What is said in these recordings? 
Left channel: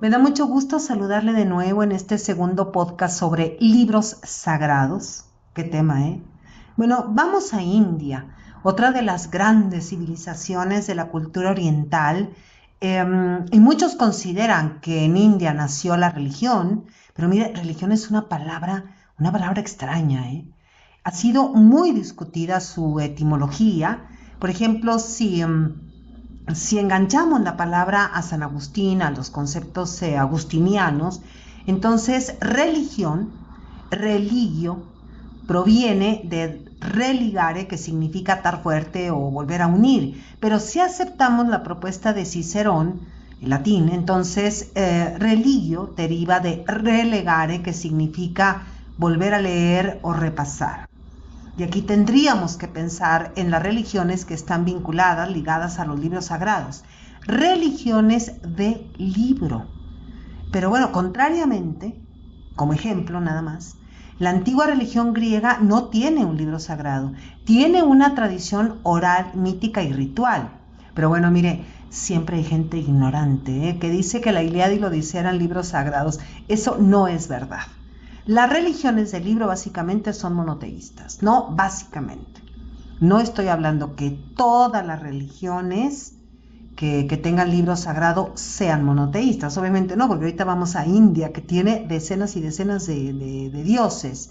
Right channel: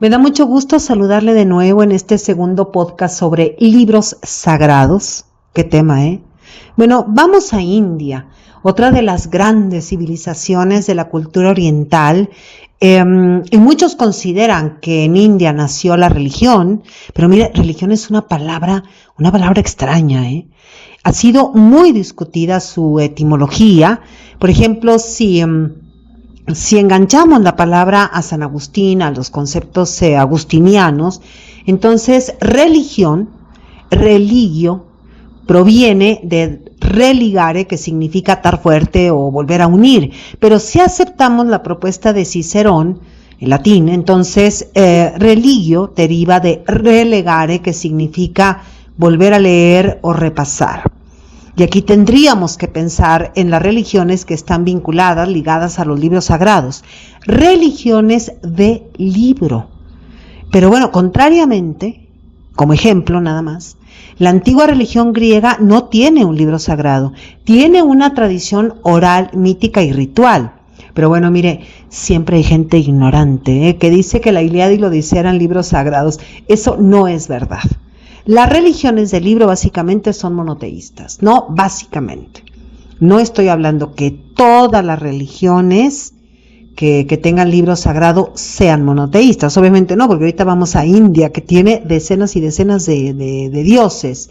Me da mucho gusto saludarle de nuevo en este segundo podcast sobre libros sagrados. ¿Qué tema, eh? Bueno, vamos a India, otra de las grandes civilizaciones de la cultura oriental. Y muchos consideran que en India nació la religión, pero mire, religión es una palabra extraña, ¿eh? Ha sido muy discutida su etimología. Por ejemplo, si enganchamos la palabra a San Agustín, a los conceptos agustinianos, entonces religión, religio, proviene de religare, que significa atar fuerte o volver a unir. Pero si aceptamos la propuesta de Cicerón, en latín, entonces religio deriva de relegare, que significa volver a leer o repasar. Y aquí tendríamos que pensar en las religiones que están vinculadas, ligadas a los libros sagrados. Religiones de libro. Pero bueno, contrariamente, como ejemplo nada más, la antigua religión griega no tiene un libro sagrado, tiene una tradición oral, mítica y ritual. Pero bueno, mire, siempre hay gente ignorante, que dice que la Ilíada y la Odisea eran libros sagrados. Eso no es verdad. Las religiones del libro básicamente son monoteístas, no básicamente. No estoy hablando que todas las religiones que tengan libro sagrado sean monoteístas, obviamente no, porque ahorita vamos a India, que tiene decenas y decenas de dioses.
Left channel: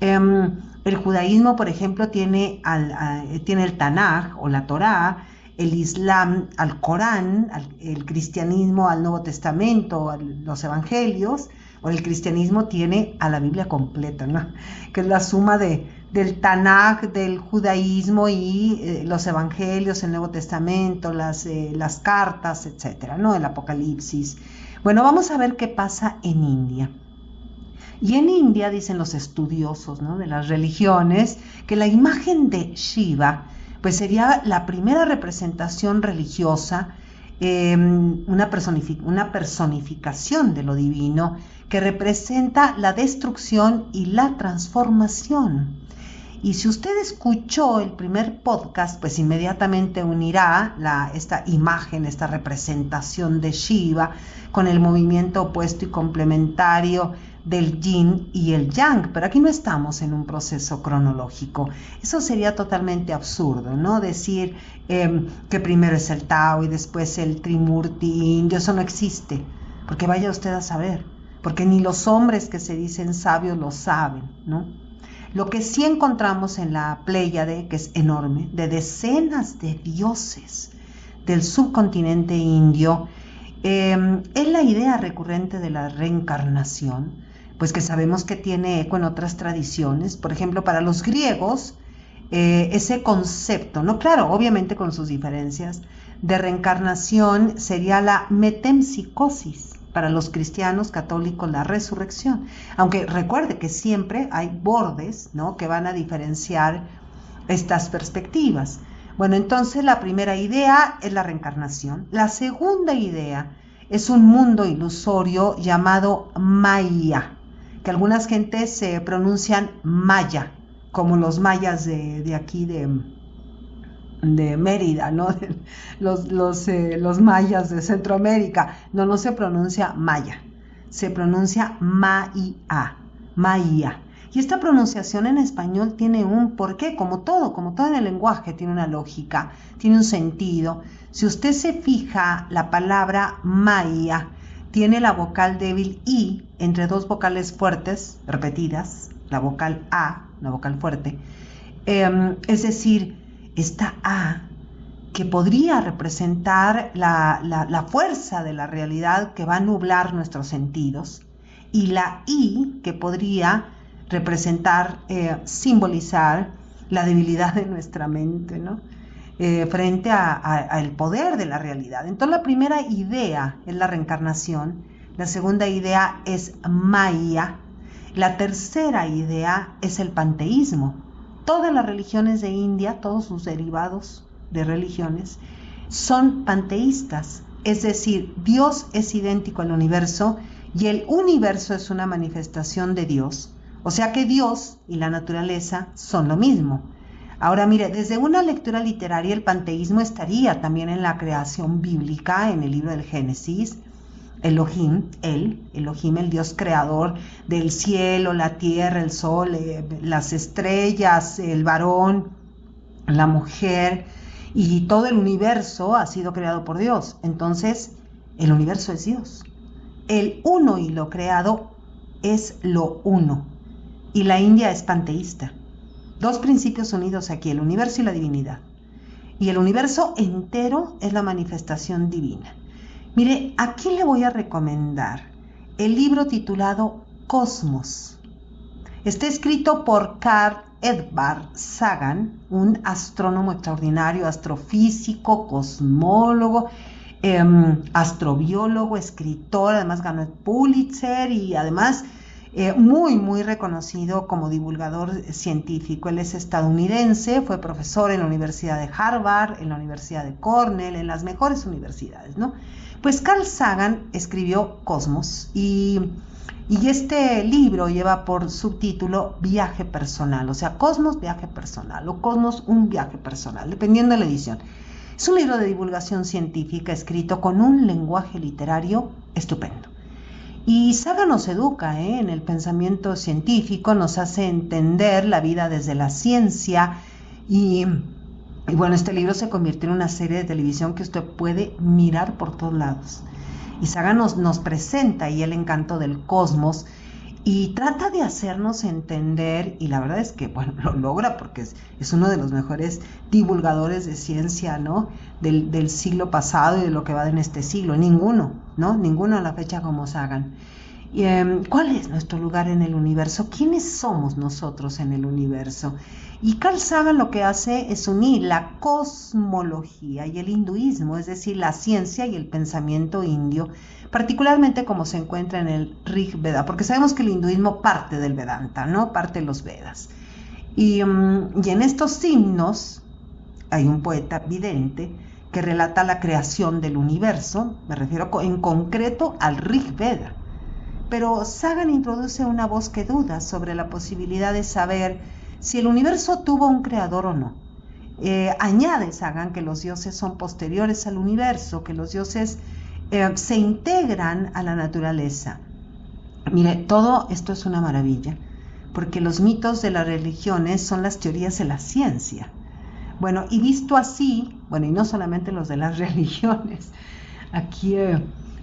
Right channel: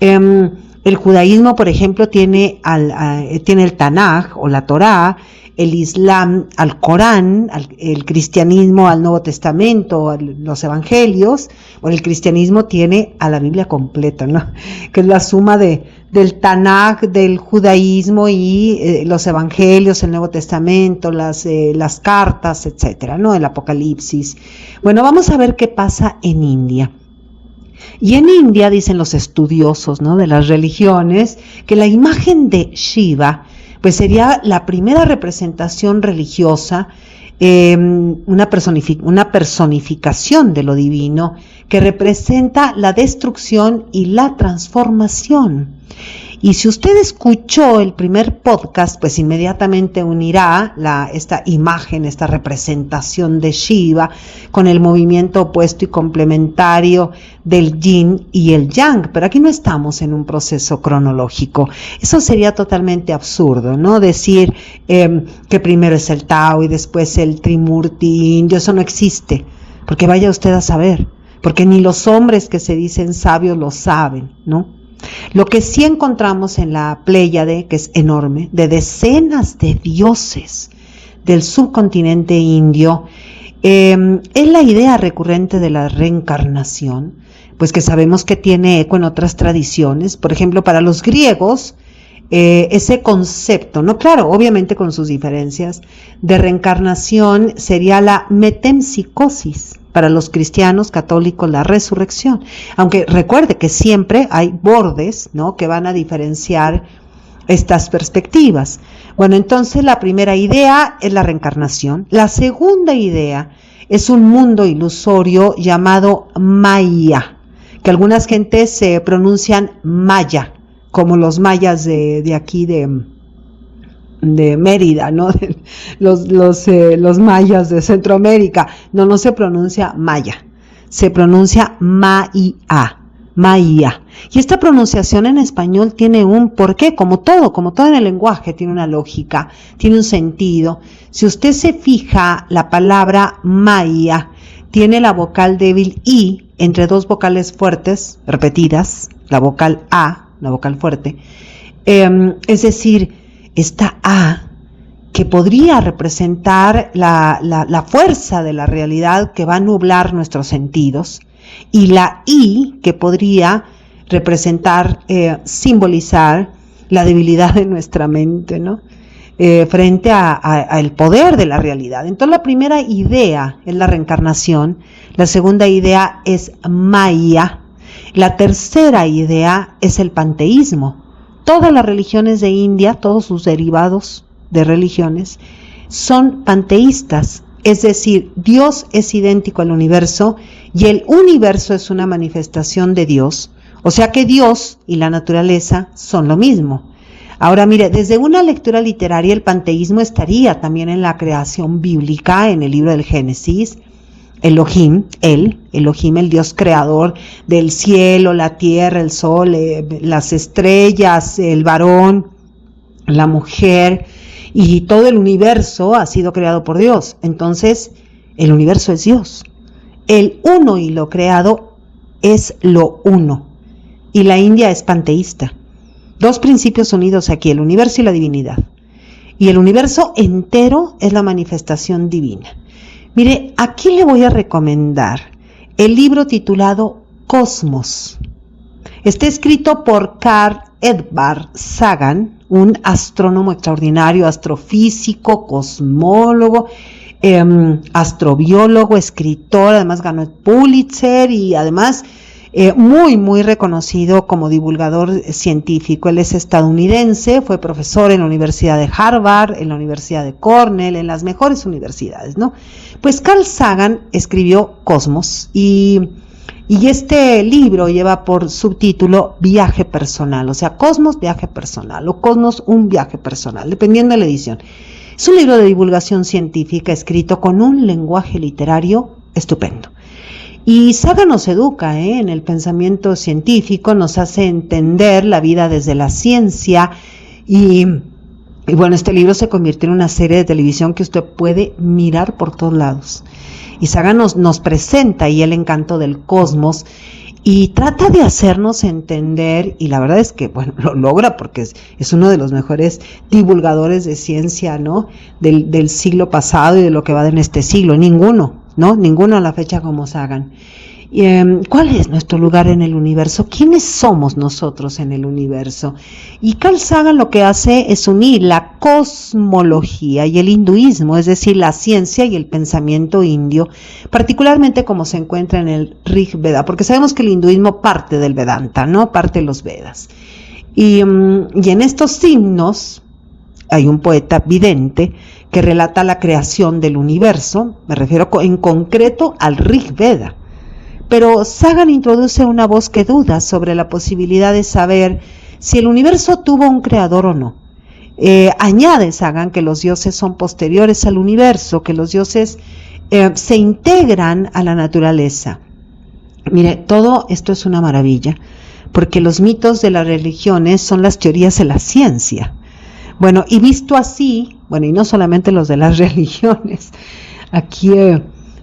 El judaísmo, por ejemplo, tiene el Tanaj o la Torá, el Islam al Corán, el cristianismo al Nuevo Testamento, a los evangelios, o el cristianismo tiene a la Biblia completa, ¿no? Que es la suma del Tanaj, del judaísmo y los evangelios, el Nuevo Testamento, las cartas, etcétera, ¿no? El Apocalipsis. Bueno, vamos a ver qué pasa en India. Y en India dicen los estudiosos, ¿no?, de las religiones, que la imagen de Shiva pues sería la primera representación religiosa, una personificación de lo divino que representa la destrucción y la transformación. Y si usted escuchó el primer podcast, pues inmediatamente unirá esta imagen, esta representación de Shiva con el movimiento opuesto y complementario del yin y el yang. Pero aquí no estamos en un proceso cronológico. Eso sería totalmente absurdo, ¿no? Decir que primero es el Tao y después el Trimurti indio. Eso no existe, porque vaya usted a saber, porque ni los hombres que se dicen sabios lo saben, ¿no? Lo que sí encontramos en la Pléyade, que es enorme, de decenas de dioses del subcontinente indio, es la idea recurrente de la reencarnación, pues que sabemos que tiene eco en otras tradiciones. Por ejemplo, para los griegos, ese concepto, no, claro, obviamente con sus diferencias, de reencarnación sería la metempsicosis. Para los cristianos católicos, la resurrección. Aunque recuerde que siempre hay bordes, ¿no?, que van a diferenciar estas perspectivas. Bueno, entonces la primera idea es la reencarnación. La segunda idea es un mundo ilusorio llamado Maya, que algunas gentes se pronuncian Maya, como los mayas de aquí de Mérida, ¿no? Los mayas de Centroamérica. No se pronuncia Maya, se pronuncia Maia. Y esta pronunciación en español tiene un porqué, como todo en el lenguaje, tiene una lógica, tiene un sentido. Si usted se fija, la palabra Maya tiene la vocal débil I entre dos vocales fuertes, repetidas, la vocal A, la vocal fuerte, es decir, esta A, que podría representar la fuerza de la realidad que va a nublar nuestros sentidos, y la I, que podría representar, simbolizar la debilidad de nuestra mente, ¿no? Frente al poder de la realidad. Entonces la primera idea es la reencarnación, la segunda idea es Maya, la tercera idea es el panteísmo. Todas las religiones de India, todos sus derivados de religiones, son panteístas, es decir, Dios es idéntico al universo y el universo es una manifestación de Dios, o sea que Dios y la naturaleza son lo mismo. Ahora mire, desde una lectura literaria el panteísmo estaría también en la creación bíblica, en el libro del Génesis, Elohim, el Dios creador del cielo, la tierra, el sol, las estrellas, el varón, la mujer y todo el universo ha sido creado por Dios. Entonces, el universo es Dios. El uno y lo creado es lo uno. Y la India es panteísta. Dos principios unidos aquí, el universo y la divinidad. Y el universo entero es la manifestación divina. Mire, aquí le voy a recomendar el libro titulado Cosmos. Está escrito por Carl Edvard Sagan, un astrónomo extraordinario, astrofísico, cosmólogo, astrobiólogo, escritor, además ganó el Pulitzer y además muy reconocido como divulgador científico. Él es estadounidense, fue profesor en la Universidad de Harvard, en la Universidad de Cornell, en las mejores universidades, ¿no? Pues Carl Sagan escribió Cosmos y este libro lleva por subtítulo Viaje Personal, o sea, Cosmos, viaje personal, o Cosmos, un viaje personal, dependiendo de la edición. Es un libro de divulgación científica escrito con un lenguaje literario estupendo. Y Sagan nos educa en el pensamiento científico, nos hace entender la vida desde la ciencia y bueno, este libro se convirtió en una serie de televisión que usted puede mirar por todos lados. Y Sagan nos presenta y el encanto del cosmos y trata de hacernos entender, y la verdad es que, bueno, lo logra porque es uno de los mejores divulgadores de ciencia, ¿no? Del siglo pasado y de lo que va en este siglo. Ninguno a la fecha como Sagan. ¿Cuál es nuestro lugar en el universo? ¿Quiénes somos nosotros en el universo? Y Carl Sagan lo que hace es unir la cosmología y el hinduismo, es decir, la ciencia y el pensamiento indio, particularmente como se encuentra en el Rig Veda, porque sabemos que el hinduismo parte del Vedanta, ¿no? Parte de los Vedas. Y en estos himnos hay un poeta vidente que relata la creación del universo, me refiero en concreto al Rig Veda. Pero Sagan introduce una voz que duda sobre la posibilidad de saber si el universo tuvo un creador o no. Añade Sagan que los dioses son posteriores al universo, que los dioses se integran a la naturaleza. Mire, todo esto es una maravilla, porque los mitos de las religiones son las teorías de la ciencia. Bueno, y visto así, bueno, y no solamente los de las religiones, aquí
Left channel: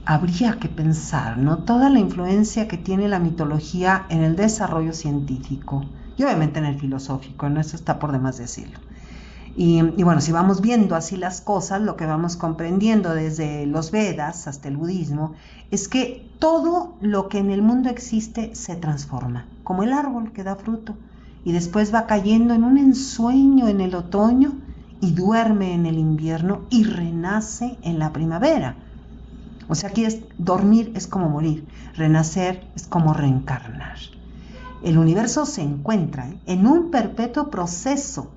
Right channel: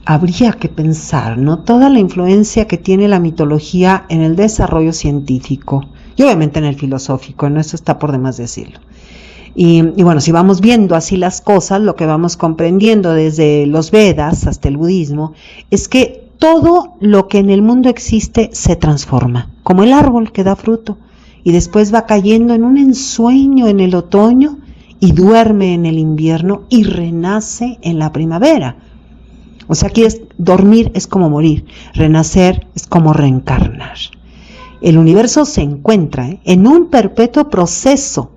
habría que pensar, ¿no? Toda la influencia que tiene la mitología en el desarrollo científico y obviamente en el filosófico, ¿no? Eso está por demás decirlo. Y bueno, si vamos viendo así las cosas, lo que vamos comprendiendo desde los Vedas hasta el budismo, es que todo lo que en el mundo existe se transforma, como el árbol que da fruto y después va cayendo en un ensueño en el otoño y duerme en el invierno y renace en la primavera. O sea, aquí dormir es como morir, renacer es como reencarnar. El universo se encuentra en un perpetuo proceso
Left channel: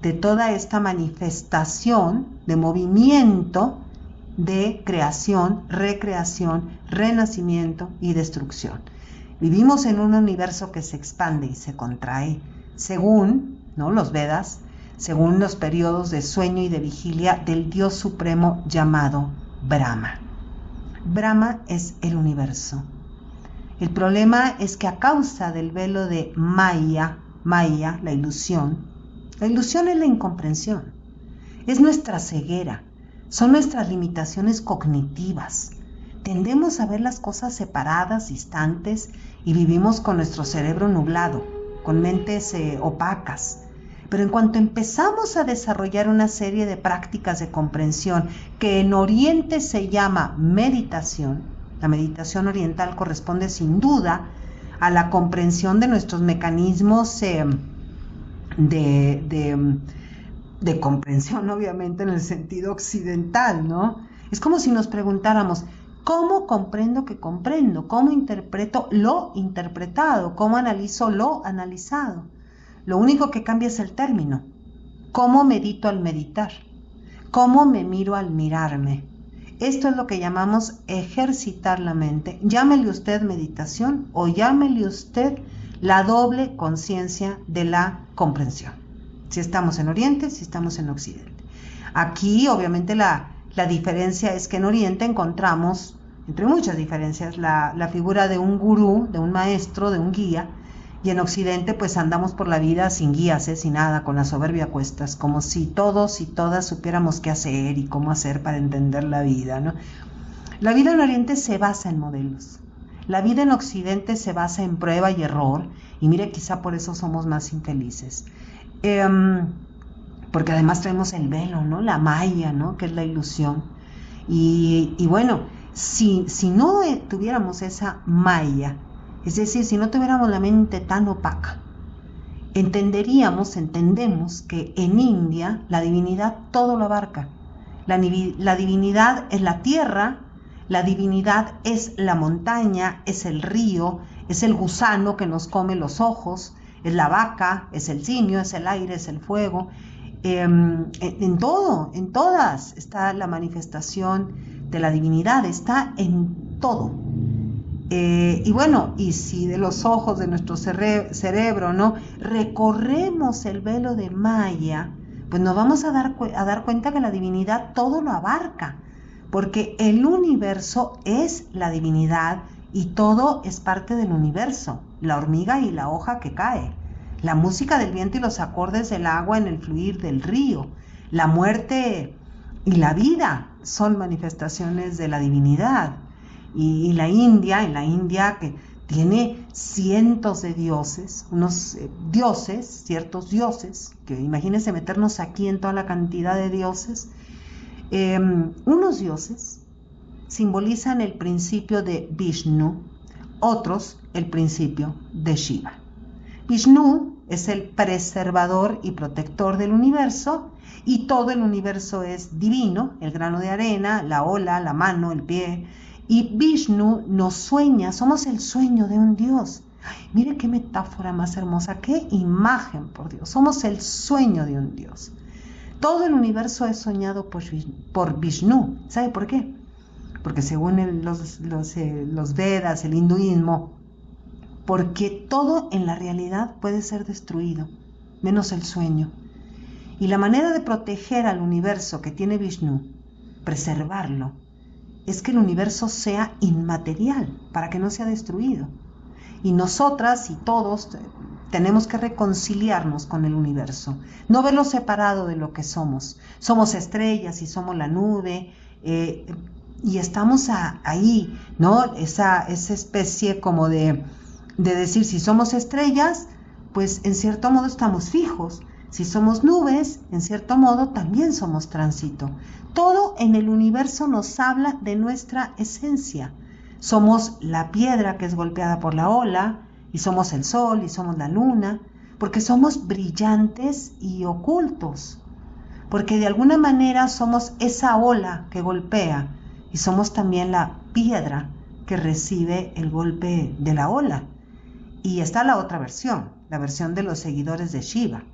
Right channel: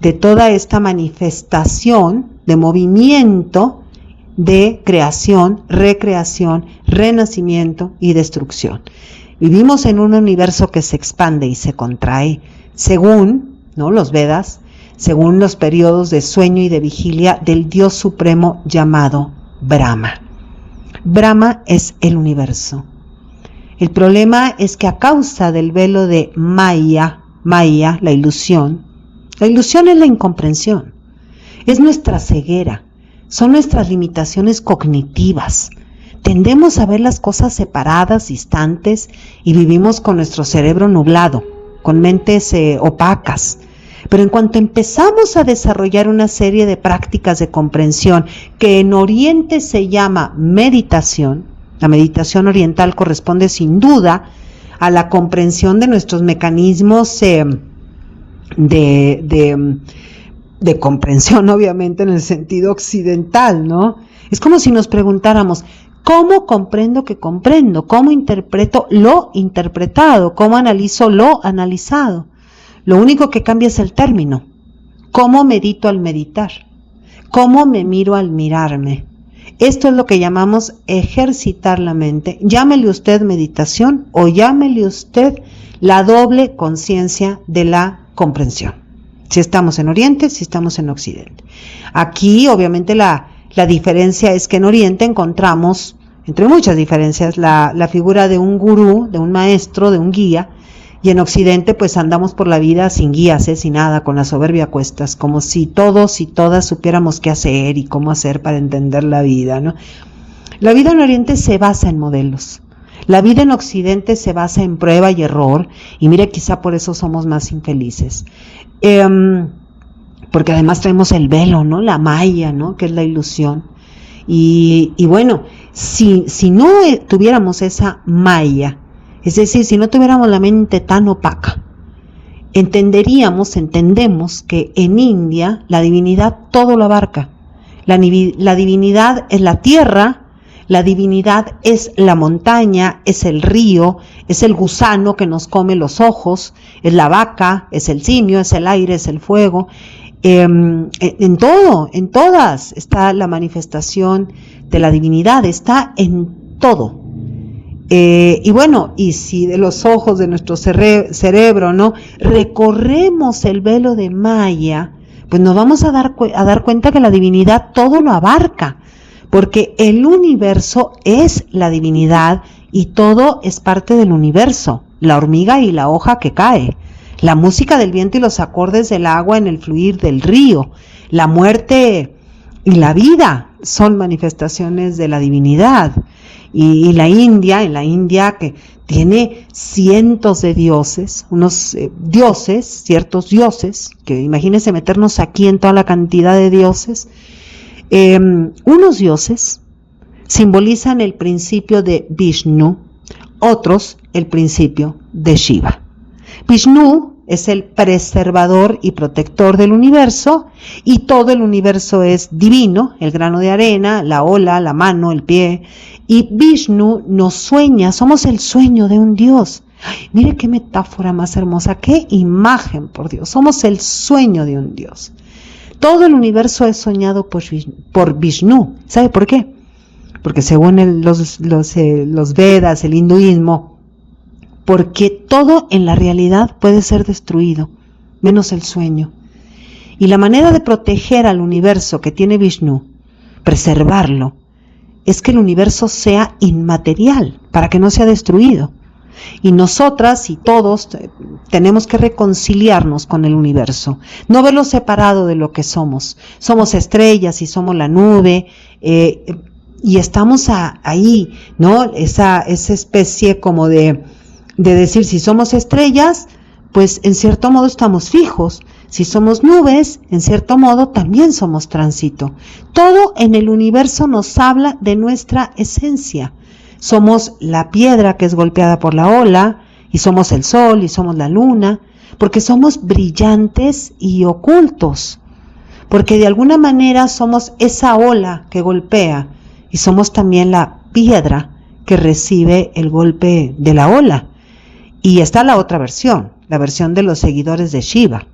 de toda esta manifestación de movimiento de creación, recreación, renacimiento y destrucción. Vivimos en un universo que se expande y se contrae según, ¿no?, los Vedas, según los periodos de sueño y de vigilia del Dios supremo llamado Brahma. Brahma es el universo. El problema es que a causa del velo de Maya, la ilusión es la incomprensión, es nuestra ceguera, son nuestras limitaciones cognitivas. Tendemos a ver las cosas separadas, distantes, y vivimos con nuestro cerebro nublado, con mentes opacas. Pero en cuanto empezamos a desarrollar una serie de prácticas de comprensión que en Oriente se llama meditación, la meditación oriental corresponde sin duda a la comprensión de nuestros mecanismos de comprensión, obviamente en el sentido occidental, ¿no? Es como si nos preguntáramos, ¿cómo comprendo que comprendo? ¿Cómo interpreto lo interpretado? ¿Cómo analizo lo analizado? Lo único que cambia es el término. ¿Cómo medito al meditar? ¿Cómo me miro al mirarme? Esto es lo que llamamos ejercitar la mente. Llámele usted meditación o llámele usted la doble conciencia de la comprensión. Si estamos en Oriente, si estamos en Occidente. Aquí, obviamente, la diferencia es que en Oriente encontramos entre muchas diferencias, la figura de un gurú, de un maestro, de un guía, y en Occidente pues andamos por la vida sin guías, sin nada, con la soberbia a cuestas, como si todos y todas supiéramos qué hacer y cómo hacer para entender la vida, ¿no? La vida en Oriente se basa en modelos. La vida en Occidente se basa en prueba y error, y mire, quizá por eso somos más infelices. Porque además traemos el velo, ¿no? La maya, ¿no? Que es la ilusión. Y bueno, si no tuviéramos esa maya, es decir, si no tuviéramos la mente tan opaca, entendemos que en India la divinidad todo lo abarca. La divinidad es la tierra, la divinidad es la montaña, es el río, es el gusano que nos come los ojos, es la vaca, es el simio, es el aire, es el fuego. En todo, en todas está la manifestación de la divinidad, está en todo. Y bueno, y si de los ojos de nuestro cerebro, ¿no?, recorremos el velo de Maya, pues nos vamos a dar cuenta que la divinidad todo lo abarca, porque el universo es la divinidad y todo es parte del universo, la hormiga y la hoja que cae, la música del viento y los acordes del agua en el fluir del río, la muerte y la vida son manifestaciones de la divinidad. Y en la India que tiene cientos de dioses, ciertos dioses, que imagínense meternos aquí en toda la cantidad de dioses, unos dioses simbolizan el principio de Vishnu, otros el principio de Shiva. Vishnu es el preservador y protector del universo, y todo el universo es divino, el grano de arena, la ola, la mano, el pie. Y Vishnu nos sueña, somos el sueño de un Dios. Ay, mire qué metáfora más hermosa, qué imagen, por Dios. Somos el sueño de un Dios. Todo el universo es soñado por Vishnu. ¿Sabe por qué? Porque según los Vedas, el hinduismo, porque todo en la realidad puede ser destruido, menos el sueño. Y la manera de proteger al universo que tiene Vishnu, preservarlo, es que el universo sea inmaterial, para que no sea destruido. Y nosotras y todos tenemos que reconciliarnos con el universo, no verlo separado de lo que somos. Somos estrellas y somos la nube, y estamos ahí, ¿no? Esa especie como de decir, si somos estrellas, pues en cierto modo estamos fijos. Si somos nubes, en cierto modo también somos tránsito. Todo en el universo nos habla de nuestra esencia. Somos la piedra que es golpeada por la ola, y somos el sol, y somos la luna, porque somos brillantes y ocultos, porque de alguna manera somos esa ola que golpea, y somos también la piedra que recibe el golpe de la ola. Y está la otra versión, la versión de los seguidores de Shiva.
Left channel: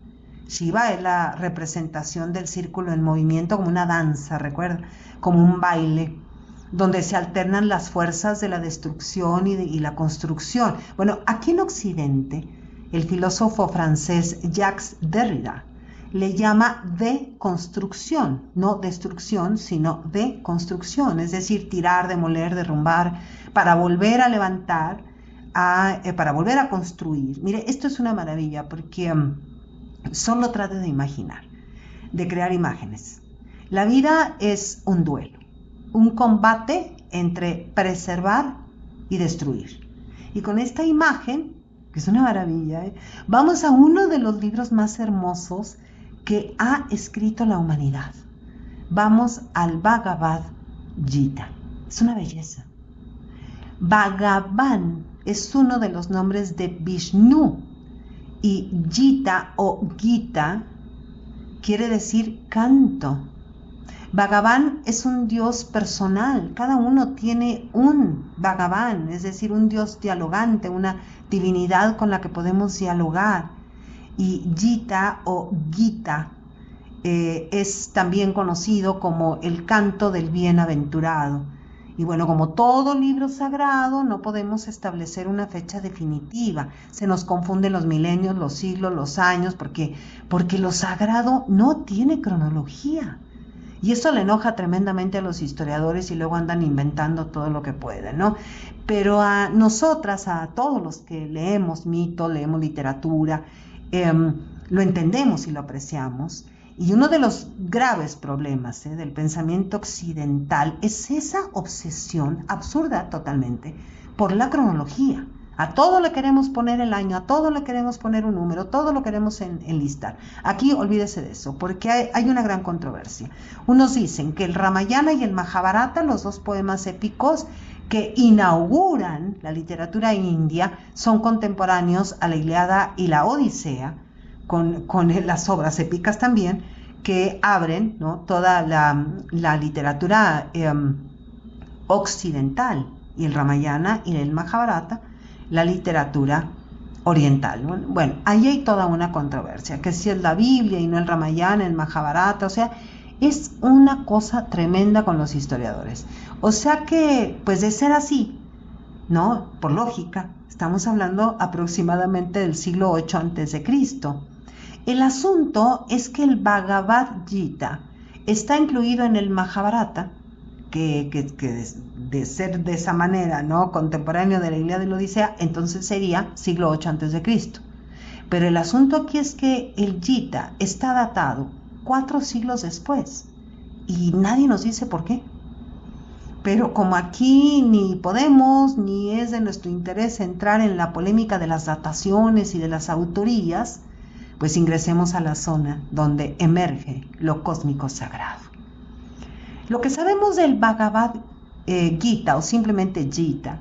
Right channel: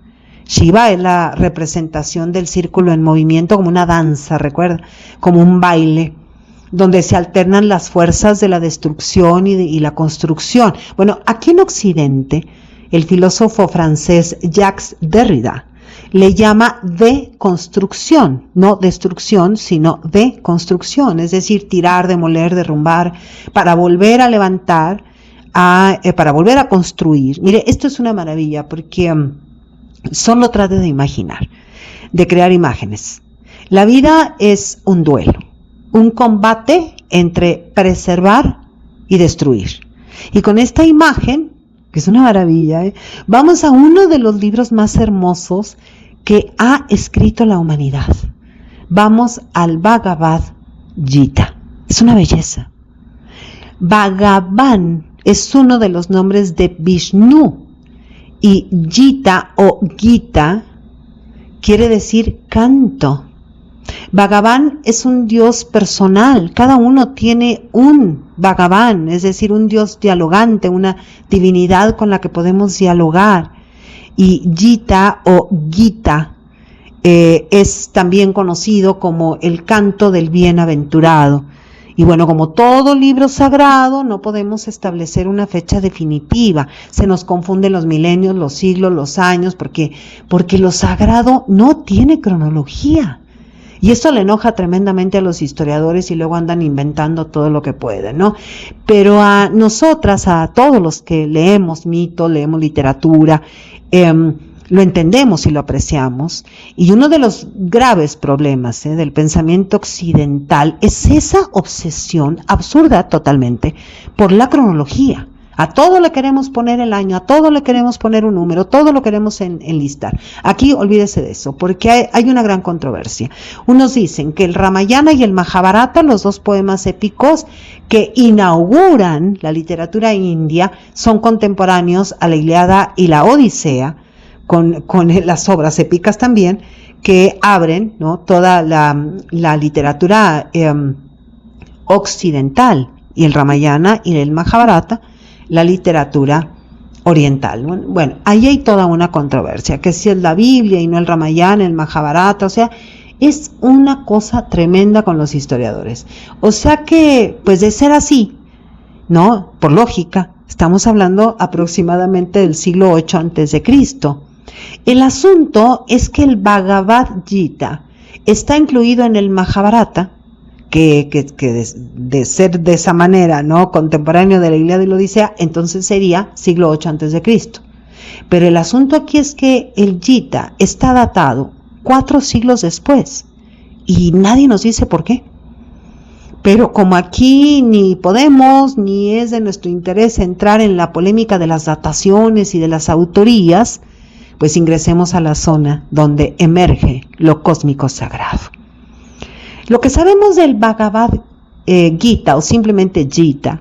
Shiva es la representación del círculo en movimiento, como una danza, recuerda, como un baile, donde se alternan las fuerzas de la destrucción y la construcción. Bueno, aquí en Occidente, el filósofo francés Jacques Derrida le llama deconstrucción, no destrucción, sino deconstrucción, es decir, tirar, demoler, derrumbar, para volver a levantar, para volver a construir. Mire, esto es una maravilla, porque solo trate de imaginar, de crear imágenes. La vida es un duelo, un combate entre preservar y destruir. Y con esta imagen, que es una maravilla, vamos a uno de los libros más hermosos que ha escrito la humanidad. Vamos al Bhagavad Gita. Es una belleza. Bhagavan es uno de los nombres de Vishnu, y Gita o Gita quiere decir canto. Bhagavan es un Dios personal, cada uno tiene un Bhagavan, es decir, un Dios dialogante, una divinidad con la que podemos dialogar. Y Gita o Gita es también conocido como el canto del bienaventurado. Y bueno, como todo libro sagrado, no podemos establecer una fecha definitiva. Se nos confunden los milenios, los siglos, los años, porque lo sagrado no tiene cronología. Y esto le enoja tremendamente a los historiadores y luego andan inventando todo lo que pueden, ¿no? Pero a nosotras, a todos los que leemos mito, leemos literatura, lo entendemos y lo apreciamos. Y uno de los graves problemas del pensamiento occidental es esa obsesión absurda totalmente por la cronología. A todo le queremos poner el año, a todo le queremos poner un número, todo lo queremos enlistar. Aquí olvídese de eso, porque hay una gran controversia. Unos dicen que el Ramayana y el Mahabharata, los dos poemas épicos que inauguran la literatura india, son contemporáneos a la Ilíada y la Odisea, con las obras épicas también, que abren, ¿no?, toda la literatura occidental, y el Ramayana y el Mahabharata, la literatura oriental. Bueno, ahí hay toda una controversia, que si es la Biblia y no el Ramayana, el Mahabharata, o sea, es una cosa tremenda con los historiadores. O sea que, pues de ser así, ¿no?, por lógica, estamos hablando aproximadamente del siglo VIII antes de Cristo. El asunto es que el Bhagavad Gita está incluido en el Mahabharata, que de ser de esa manera, ¿no?, contemporáneo de la Ilíada y la Odisea, entonces sería siglo VIII antes de Cristo. Pero el asunto aquí es que el Gita está datado 4 siglos después y nadie nos dice por qué. Pero como aquí ni podemos ni es de nuestro interés entrar en la polémica de las dataciones y de las autorías, pues ingresemos a la zona donde emerge lo cósmico sagrado. Lo que sabemos del Bhagavad Gita, o simplemente Gita,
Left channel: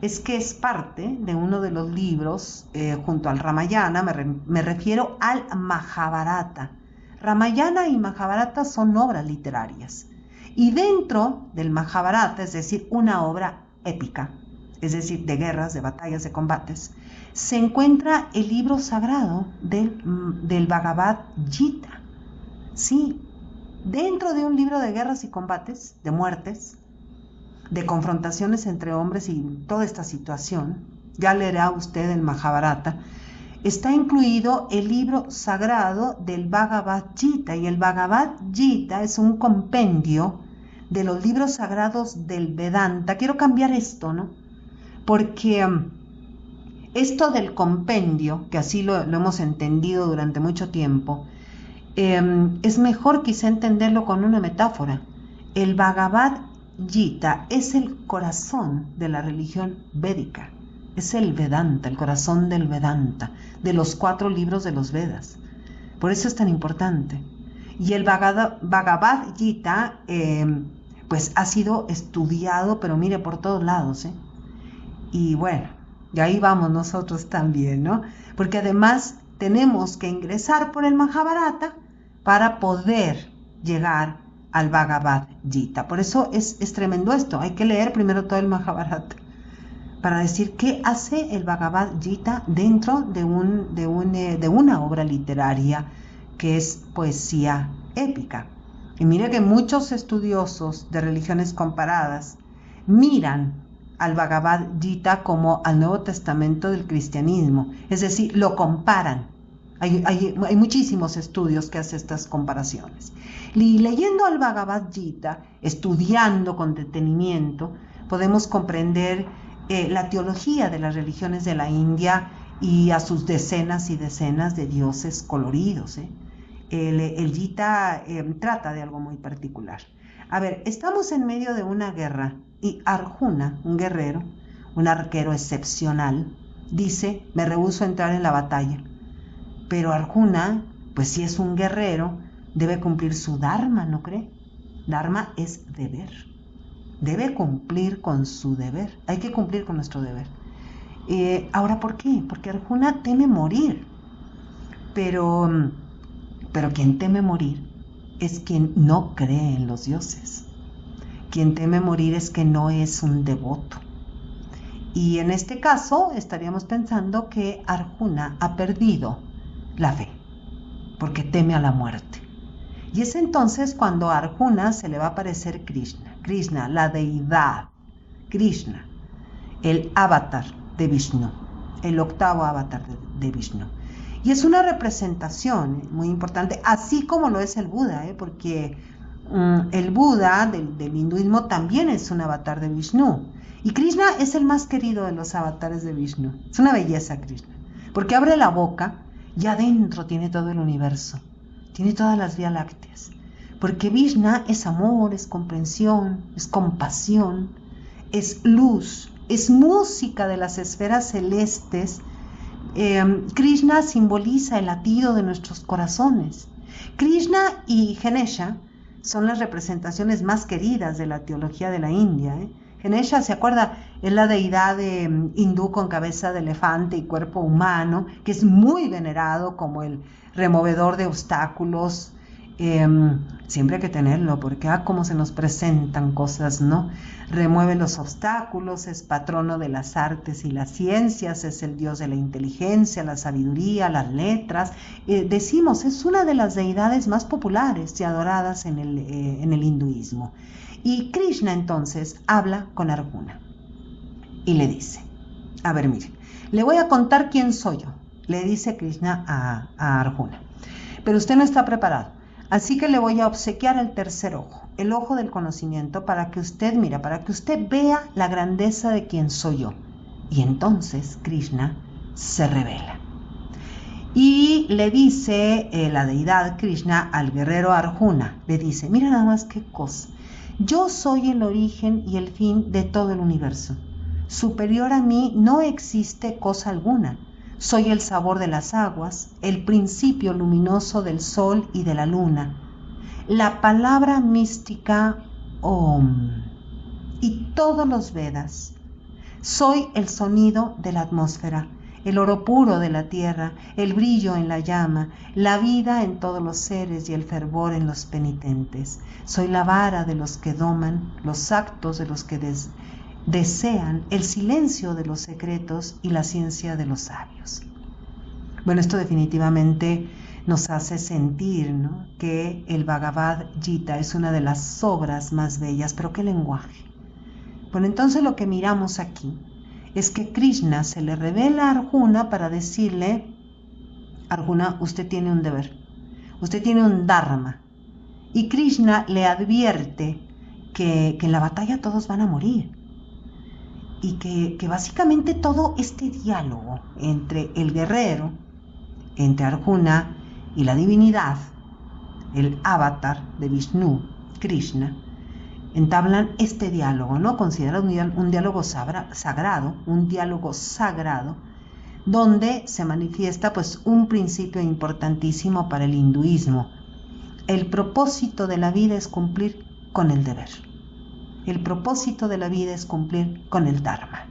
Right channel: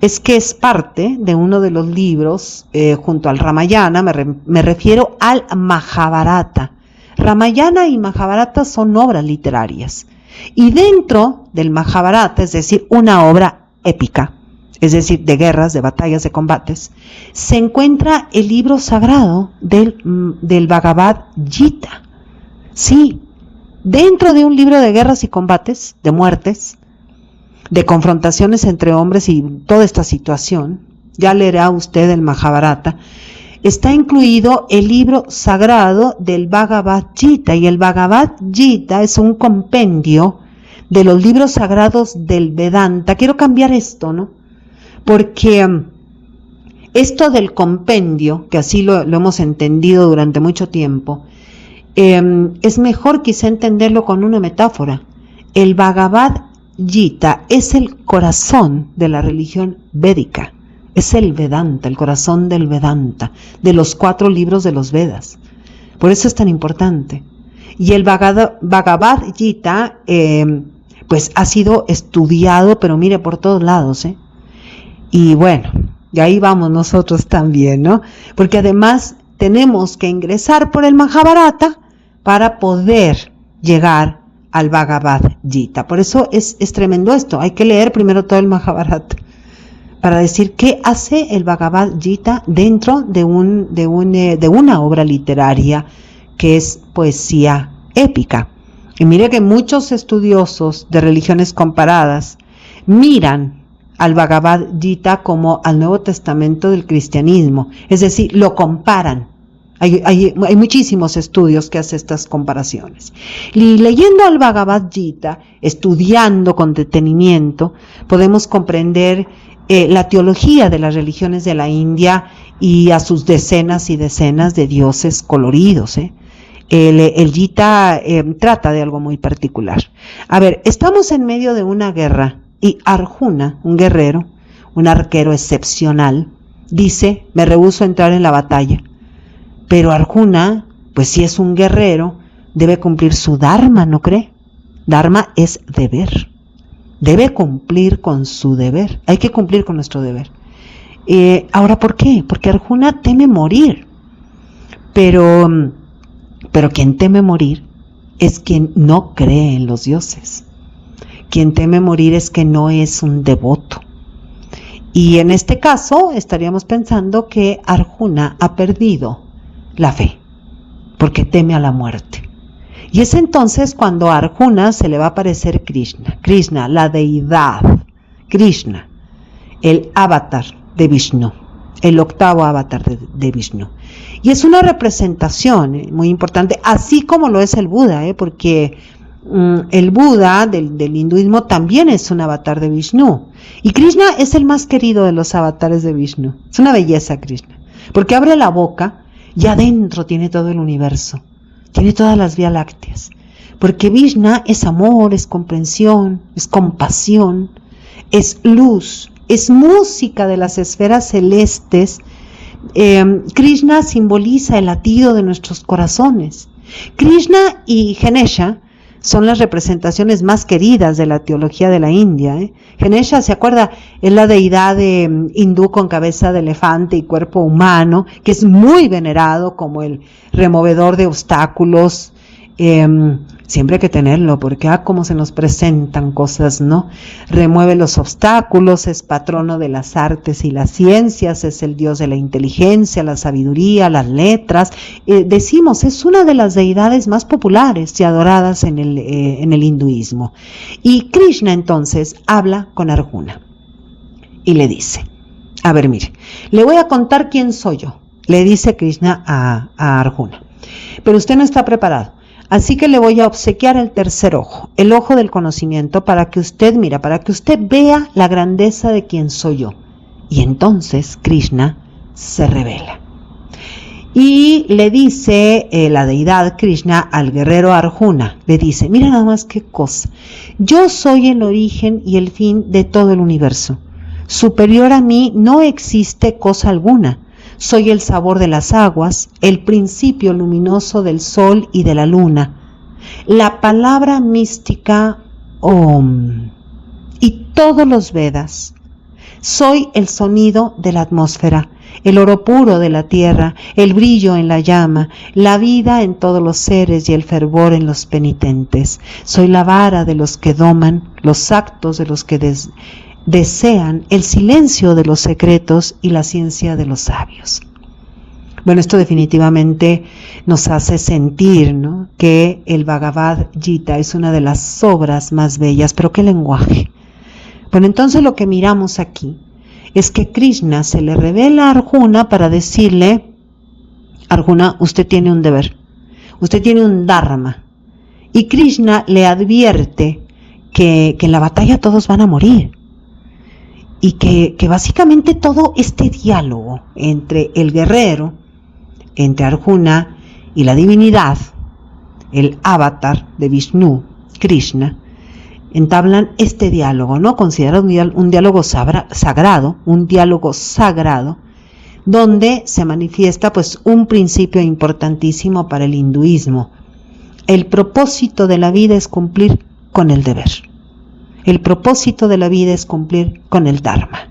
es que es parte de uno de los libros, junto al Ramayana, me refiero al Mahabharata. Ramayana y Mahabharata son obras literarias. Y dentro del Mahabharata, es decir, una obra épica, es decir, de guerras, de batallas, de combates, se encuentra el libro sagrado del Bhagavad Gita. Sí, dentro de un libro de guerras y combates, de muertes, de confrontaciones entre hombres y toda esta situación, ya leerá usted el Mahabharata, está incluido el libro sagrado del Bhagavad Gita, y el Bhagavad Gita es un compendio de los libros sagrados del Vedanta. Quiero cambiar esto, ¿no?, porque esto del compendio, que así lo hemos entendido durante mucho tiempo, es mejor quizá entenderlo con una metáfora. El Bhagavad Gita es el corazón de la religión védica, es el Vedanta, el corazón del Vedanta, de los 4 libros de los Vedas. Por eso es tan importante. Y el Bhagavad Gita, pues ha sido estudiado, pero mire, por todos lados, Y bueno, y ahí vamos nosotros también, ¿no? Porque además tenemos que ingresar por el Mahabharata para poder llegar al Bhagavad Gita. Por eso es tremendo esto. Hay que leer primero todo el Mahabharata para decir qué hace el Bhagavad Gita dentro de una obra literaria que es poesía épica. Y mire que muchos estudiosos de religiones comparadas miran al Bhagavad Gita como al Nuevo Testamento del cristianismo, es decir, lo comparan. Hay muchísimos estudios que hacen estas comparaciones. Y leyendo al Bhagavad Gita, estudiando con detenimiento, podemos comprender la teología de las religiones de la India y a sus decenas y decenas de dioses coloridos. El Gita trata de algo muy particular. A ver, estamos en medio de una guerra y Arjuna, un guerrero, un arquero excepcional, dice: me rehúso a entrar en la batalla. Pero Arjuna, pues si es un guerrero, debe cumplir su dharma, ¿no cree? Dharma es deber. Debe cumplir con su deber. Hay que cumplir con nuestro deber. Ahora, ¿por qué? Porque Arjuna teme morir. Pero quien teme morir es quien no cree en los dioses. Quien teme morir es que no es un devoto. Y en este caso estaríamos pensando que Arjuna ha perdido la fe, porque teme a la muerte. Y es entonces cuando a Arjuna se le va a aparecer Krishna, la deidad, Krishna, el avatar de Vishnu, el 8º avatar de Vishnu. Y es una representación muy importante, así como lo es el Buda, porque el Buda del hinduismo también es un avatar de Vishnu. Y Krishna es el más querido de los avatares de Vishnu. Es una belleza Krishna, porque abre la boca y adentro tiene todo el universo, tiene todas las vías lácteas. Porque Vishnu es amor, es comprensión, es compasión, es luz, es música de las esferas celestes. Krishna simboliza el latido de nuestros corazones. Krishna y Ganesha son las representaciones más queridas de la teología de la India. Ganesha, ¿se acuerda? Es la deidad hindú con cabeza de elefante y cuerpo humano, que es muy venerado como el removedor de obstáculos. Siempre hay que tenerlo, porque cómo se nos presentan cosas, ¿no? Remueve los obstáculos, es patrono de las artes y las ciencias, es el dios de la inteligencia, la sabiduría, las letras. Decimos, es una de las deidades más populares y adoradas en el hinduismo. Y Krishna entonces habla con Arjuna y le dice, a ver, mire, le voy a contar quién soy yo, le dice Krishna a Arjuna, pero usted no está preparado. Así que le voy a obsequiar el tercer ojo, el ojo del conocimiento, para que usted vea la grandeza de quién soy yo. Y entonces Krishna se revela. Y le dice la deidad Krishna al guerrero Arjuna, le dice, mira nada más qué cosa, yo soy el origen y el fin de todo el universo. Superior a mí no existe cosa alguna. Soy el sabor de las aguas, el principio luminoso del sol y de la luna, la palabra mística Om y todos los Vedas. Soy el sonido de la atmósfera, el oro puro de la tierra, el brillo en la llama, la vida en todos los seres y el fervor en los penitentes. Soy la vara de los que doman, los actos de los que desean, el silencio de los secretos y la ciencia de los sabios. Bueno, esto definitivamente nos hace sentir, ¿no?, que el Bhagavad Gita es una de las obras más bellas, pero ¿qué lenguaje? Bueno, entonces lo que miramos aquí es que Krishna se le revela a Arjuna para decirle, Arjuna, usted tiene un deber, usted tiene un dharma, y Krishna le advierte que en la batalla todos van a morir. Y que básicamente todo este diálogo entre el guerrero, entre Arjuna y la divinidad, el avatar de Vishnu, Krishna, entablan este diálogo, ¿no? Considerado un diálogo sagrado, donde se manifiesta pues un principio importantísimo para el hinduismo. El propósito de la vida es cumplir con el deber. El propósito de la vida es cumplir con el Dharma.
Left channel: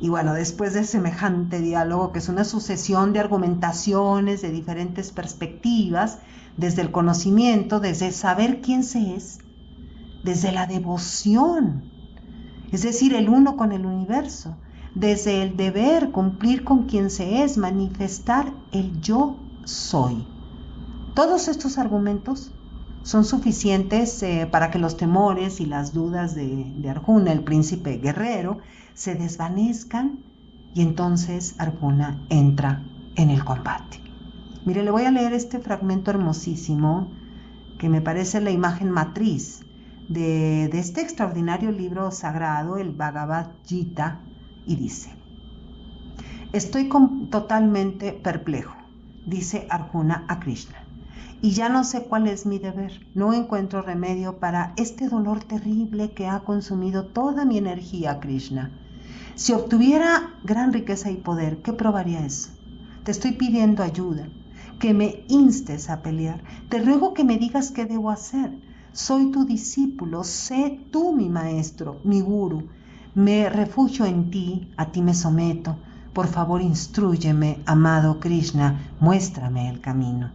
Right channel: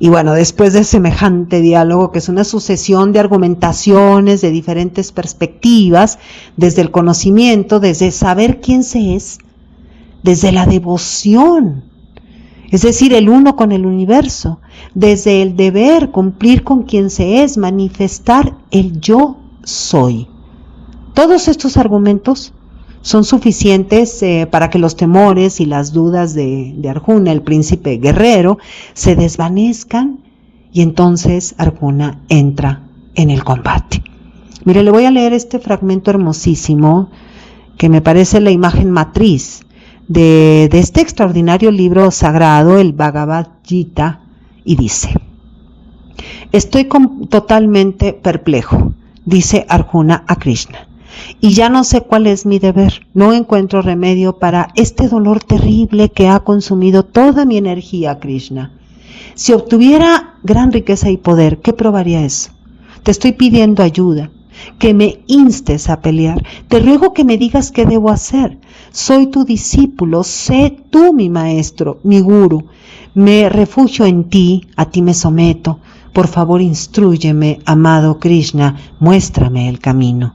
Y bueno, después de semejante diálogo, que es una sucesión de argumentaciones de diferentes perspectivas, desde el conocimiento, desde saber quién se es, desde la devoción, es decir, el uno con el universo, desde el deber, cumplir con quien se es, manifestar el yo soy. Todos estos argumentos son suficientes para que los temores y las dudas de Arjuna, el príncipe guerrero, se desvanezcan y entonces Arjuna entra en el combate. Mire, le voy a leer este fragmento hermosísimo que me parece la imagen matriz de este extraordinario libro sagrado, el Bhagavad Gita, y dice: estoy totalmente perplejo, dice Arjuna a Krishna, y ya no sé cuál es mi deber. No encuentro remedio para este dolor terrible que ha consumido toda mi energía, Krishna. Si obtuviera gran riqueza y poder, ¿qué probaría eso? Te estoy pidiendo ayuda, que me instes a pelear. Te ruego que me digas qué debo hacer. Soy tu discípulo, sé tú mi maestro, mi gurú. Me refugio en ti, a ti me someto. Por favor, instrúyeme, amado Krishna, muéstrame el camino.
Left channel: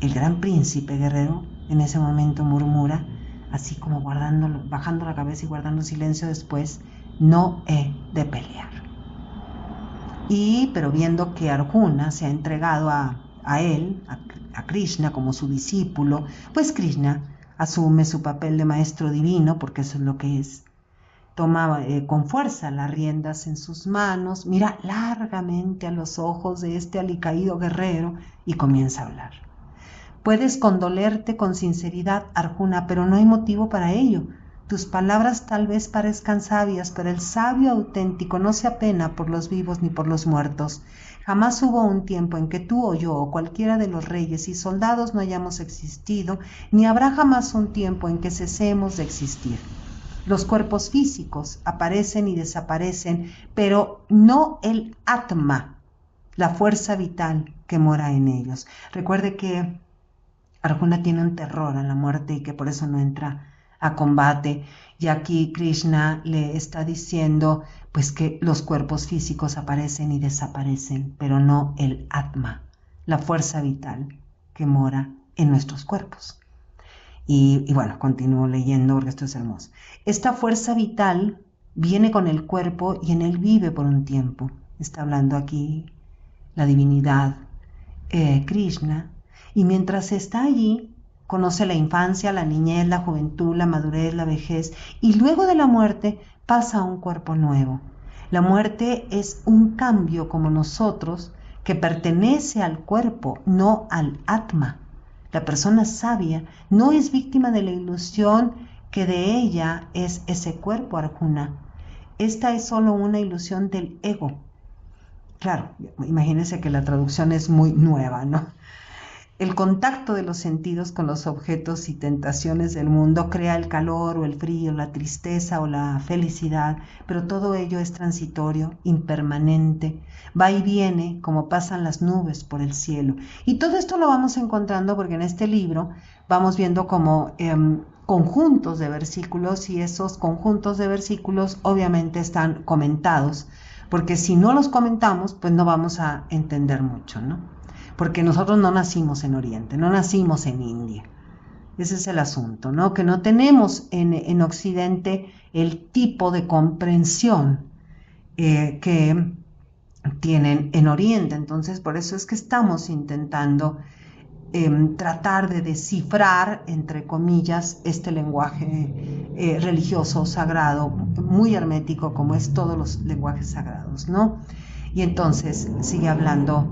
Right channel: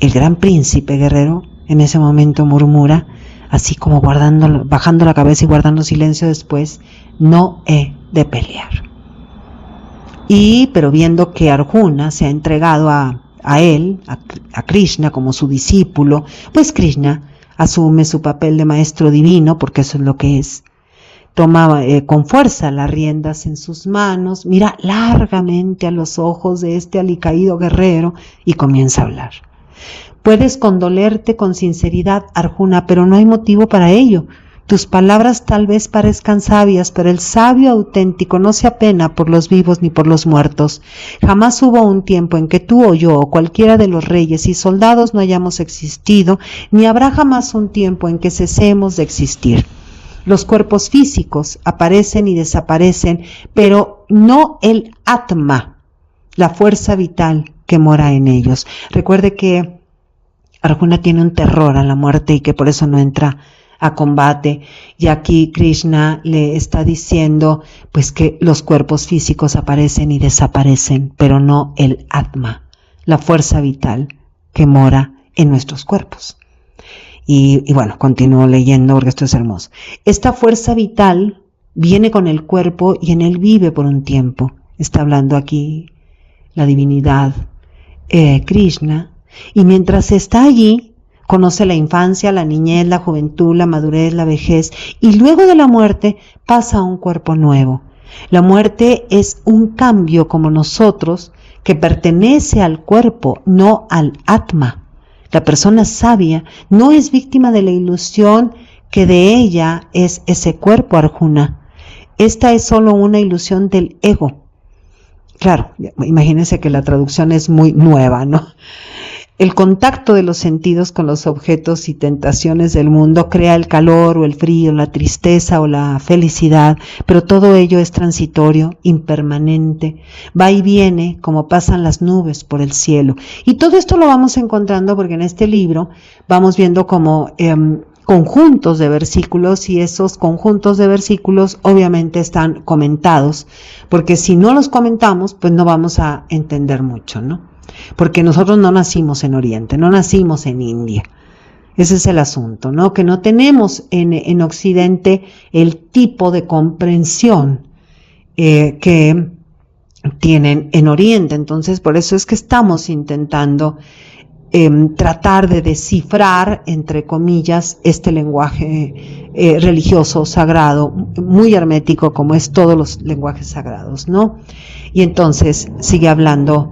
El gran príncipe guerrero en ese momento murmura, así como bajando la cabeza y guardando silencio después: no he de pelear. Pero viendo que Arjuna se ha entregado a él, a Krishna como su discípulo, pues Krishna asume su papel de maestro divino, porque eso es lo que es. Toma con fuerza las riendas en sus manos, mira largamente a los ojos de este alicaído guerrero y comienza a hablar. Puedes condolerte con sinceridad, Arjuna, pero no hay motivo para ello. Tus palabras tal vez parezcan sabias, pero el sabio auténtico no se apena por los vivos ni por los muertos. Jamás hubo un tiempo en que tú o yo o cualquiera de los reyes y soldados no hayamos existido, ni habrá jamás un tiempo en que cesemos de existir. Los cuerpos físicos aparecen y desaparecen, pero no el Atma, la fuerza vital que mora en ellos. Recuerde que Arjuna tiene un terror a la muerte y que por eso no entra a combate, y aquí Krishna le está diciendo pues que los cuerpos físicos aparecen y desaparecen, pero no el Atma, la fuerza vital que mora en nuestros cuerpos. Y bueno, continúo leyendo porque esto es hermoso. Esta fuerza vital viene con el cuerpo y en él vive por un tiempo. Está hablando aquí la divinidad Krishna, y mientras está allí, conoce la infancia, la niñez, la juventud, la madurez, la vejez, y luego de la muerte pasa a un cuerpo nuevo. La muerte es un cambio como nosotros que pertenece al cuerpo, no al Atma. La persona sabia no es víctima de la ilusión que de ella es ese cuerpo, Arjuna. Esta es solo una ilusión del ego. Claro, imagínense que la traducción es muy nueva, ¿no? El contacto de los sentidos con los objetos y tentaciones del mundo crea el calor o el frío, la tristeza o la felicidad, pero todo ello es transitorio, impermanente, va y viene como pasan las nubes por el cielo. Y todo esto lo vamos encontrando porque en este libro vamos viendo como conjuntos de versículos, y esos conjuntos de versículos obviamente están comentados, porque si no los comentamos, pues no vamos a entender mucho, ¿no? Porque nosotros no nacimos en Oriente, no nacimos en India. Ese es el asunto, ¿no? Que no tenemos en Occidente el tipo de comprensión que tienen en Oriente. Entonces, por eso es que estamos intentando tratar de descifrar, entre comillas, este lenguaje religioso, sagrado, muy hermético, como es todos los lenguajes sagrados, ¿no? Y entonces sigue hablando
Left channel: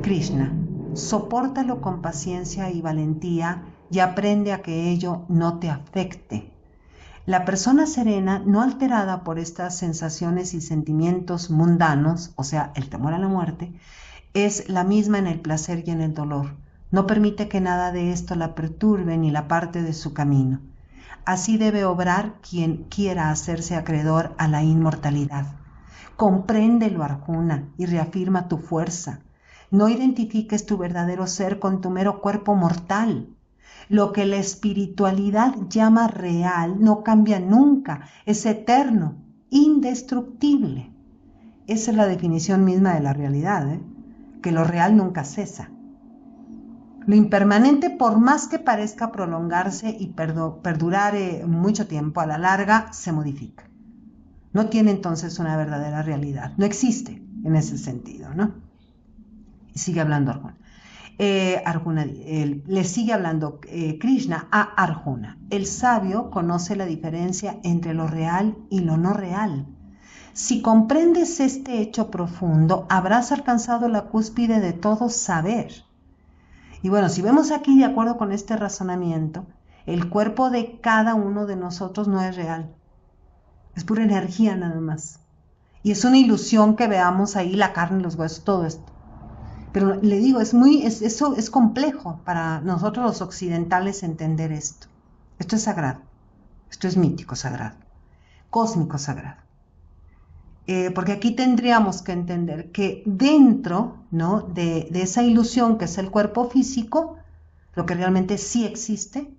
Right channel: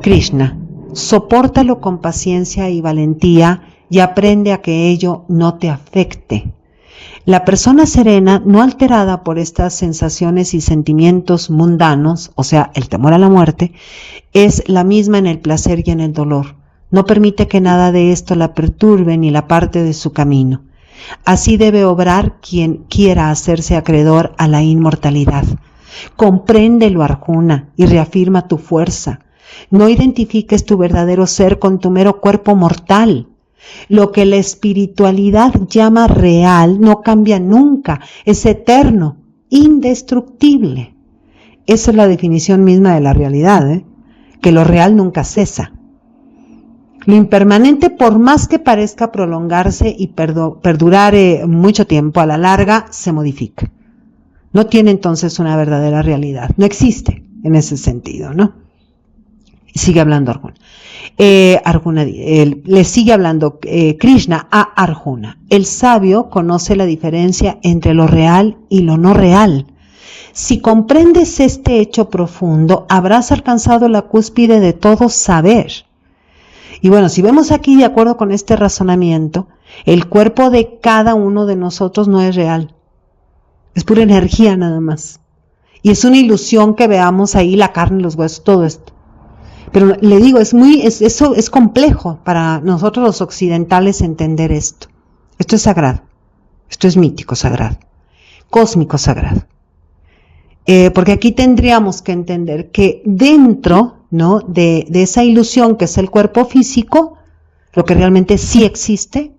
Krishna: sopórtalo con paciencia y valentía y aprende a que ello no te afecte. La persona serena, no alterada por estas sensaciones y sentimientos mundanos, o sea, el temor a la muerte, es la misma en el placer y en el dolor. No permite que nada de esto la perturbe ni la parte de su camino. Así debe obrar quien quiera hacerse acreedor a la inmortalidad. Compréndelo, Arjuna, y reafirma tu fuerza. No identifiques tu verdadero ser con tu mero cuerpo mortal. Lo que la espiritualidad llama real no cambia nunca, es eterno, indestructible. Esa es la definición misma de la realidad, que lo real nunca cesa. Lo impermanente, por más que parezca prolongarse y perdurar mucho tiempo, a la larga se modifica. No tiene entonces una verdadera realidad, no existe en ese sentido, ¿no? Sigue hablando Arjuna. Le sigue hablando Krishna a Arjuna. El sabio conoce la diferencia entre lo real y lo no real. Si comprendes este hecho profundo, habrás alcanzado la cúspide de todo saber. Y bueno, si vemos aquí, de acuerdo con este razonamiento, el cuerpo de cada uno de nosotros no es real. Es pura energía nada más. Y es una ilusión que veamos ahí la carne, los huesos, todo esto. Pero le digo, eso es complejo para nosotros los occidentales entender esto. Esto es sagrado. Esto es mítico sagrado. Cósmico sagrado. Porque aquí tendríamos que entender que dentro, ¿no?, de esa ilusión que es el cuerpo físico, lo que realmente sí existe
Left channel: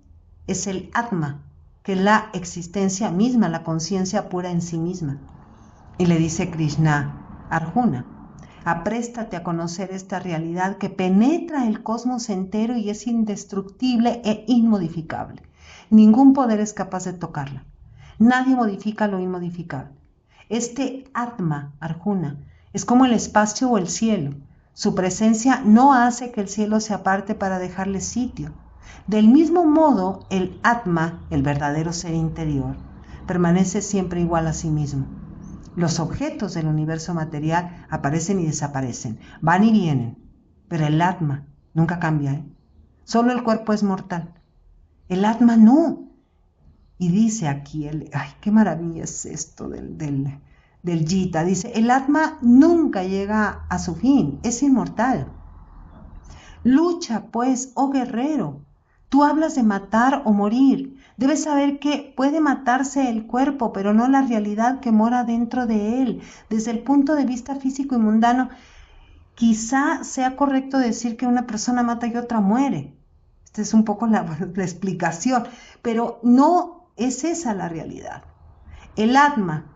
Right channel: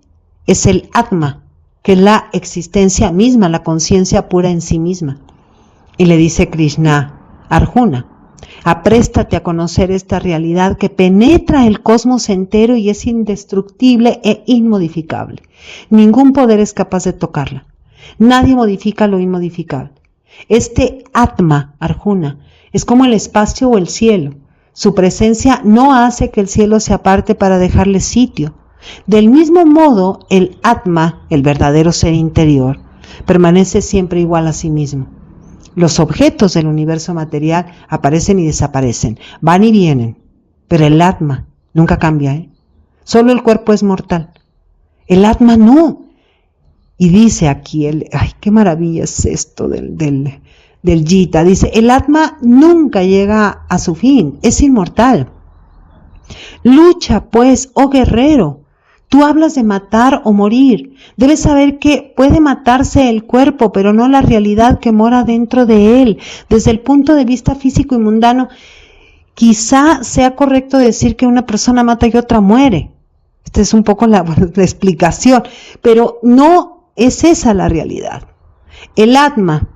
es el Atma, que es la existencia misma, la conciencia pura en sí misma. Y le dice Krishna a Arjuna: apréstate a conocer esta realidad que penetra el cosmos entero y es indestructible e inmodificable. Ningún poder es capaz de tocarla. Nadie modifica lo inmodificable. Este Atma, Arjuna, es como el espacio o el cielo. Su presencia no hace que el cielo se aparte para dejarle sitio. Del mismo modo, el Atma, el verdadero ser interior, permanece siempre igual a sí mismo. Los objetos del universo material aparecen y desaparecen, van y vienen, pero el Atma nunca cambia, Solo el cuerpo es mortal. El Atma no. Y dice aquí, ay, qué maravilla es esto del Gita. Dice, el Atma nunca llega a su fin, es inmortal. Lucha, pues, oh guerrero. Tú hablas de matar o morir. Debes saber que puede matarse el cuerpo, pero no la realidad que mora dentro de él. Desde el punto de vista físico y mundano, quizá sea correcto decir que una persona mata y otra muere. Esta es un poco la explicación, pero no es esa la realidad. El Atma,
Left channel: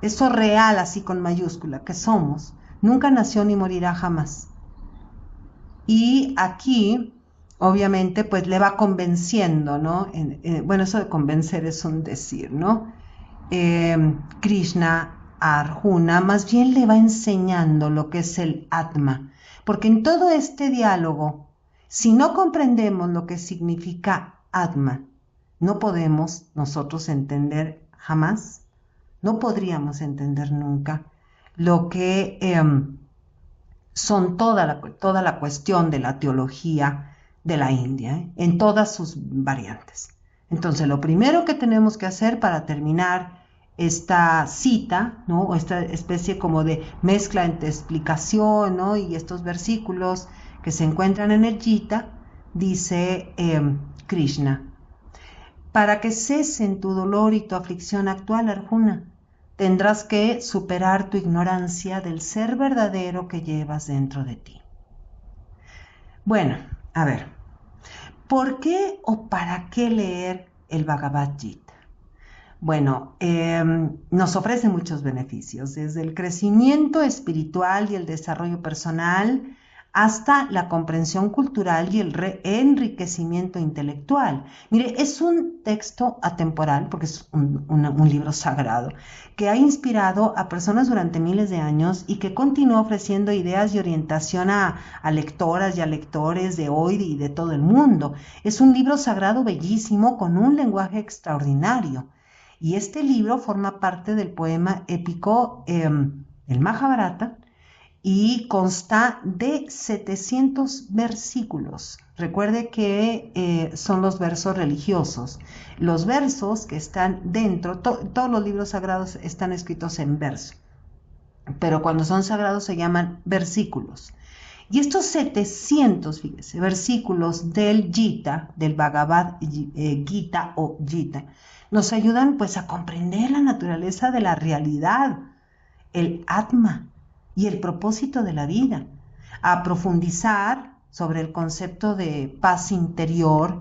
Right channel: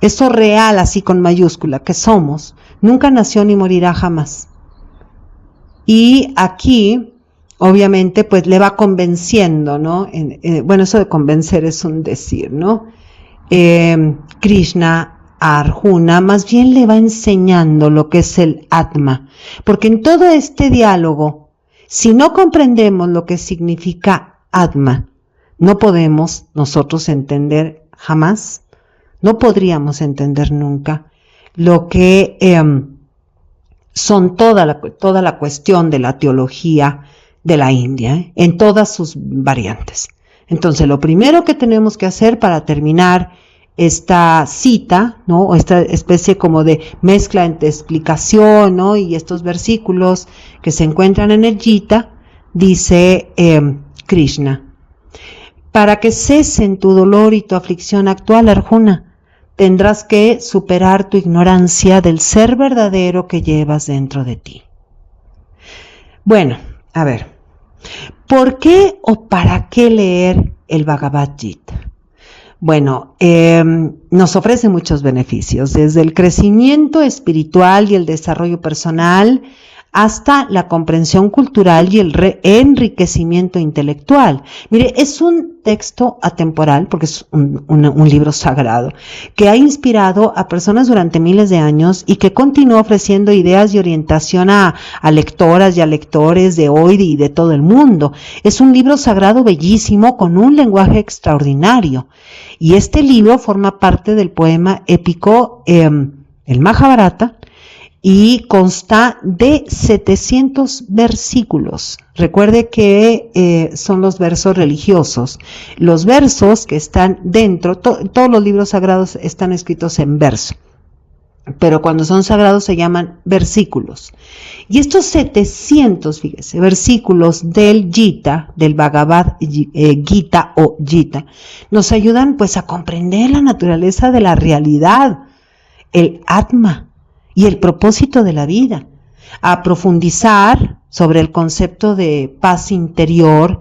eso real así con mayúscula que somos, nunca nació ni morirá jamás. Y aquí, obviamente, pues le va convenciendo, ¿no? Bueno, eso de convencer es un decir, ¿no? Krishna a Arjuna más bien le va enseñando lo que es el Atma, porque en todo este diálogo, si no comprendemos lo que significa Atma, no podemos nosotros entender jamás, no podríamos entender nunca lo que son toda la cuestión de la teología de la India, en todas sus variantes. Entonces, lo primero que tenemos que hacer para terminar esta cita, ¿no? O esta especie como de mezcla entre explicación, ¿no? Y estos versículos que se encuentran en el Gita, dice Krishna, para que cesen tu dolor y tu aflicción actual, Arjuna, tendrás que superar tu ignorancia del ser verdadero que llevas dentro de ti. Bueno, a ver, ¿por qué o para qué leer el Bhagavad Gita? Bueno, nos ofrece muchos beneficios, desde el crecimiento espiritual y el desarrollo personal, hasta la comprensión cultural y el enriquecimiento intelectual. Mire, es un texto atemporal, porque es un libro sagrado, que ha inspirado a personas durante miles de años y que continúa ofreciendo ideas y orientación a lectoras y a lectores de hoy y de todo el mundo. Es un libro sagrado bellísimo, con un lenguaje extraordinario. Y este libro forma parte del poema épico, el Mahabharata, y consta de 700 versículos. Recuerde que son los versos religiosos. Los versos que están dentro, todos los libros sagrados están escritos en verso, pero cuando son sagrados se llaman versículos. Y estos 700, fíjese, versículos del Gita, del Bhagavad Gita o Gita, nos ayudan pues a comprender la naturaleza de la realidad, el Atma, y el propósito de la vida, a profundizar sobre el concepto de paz interior,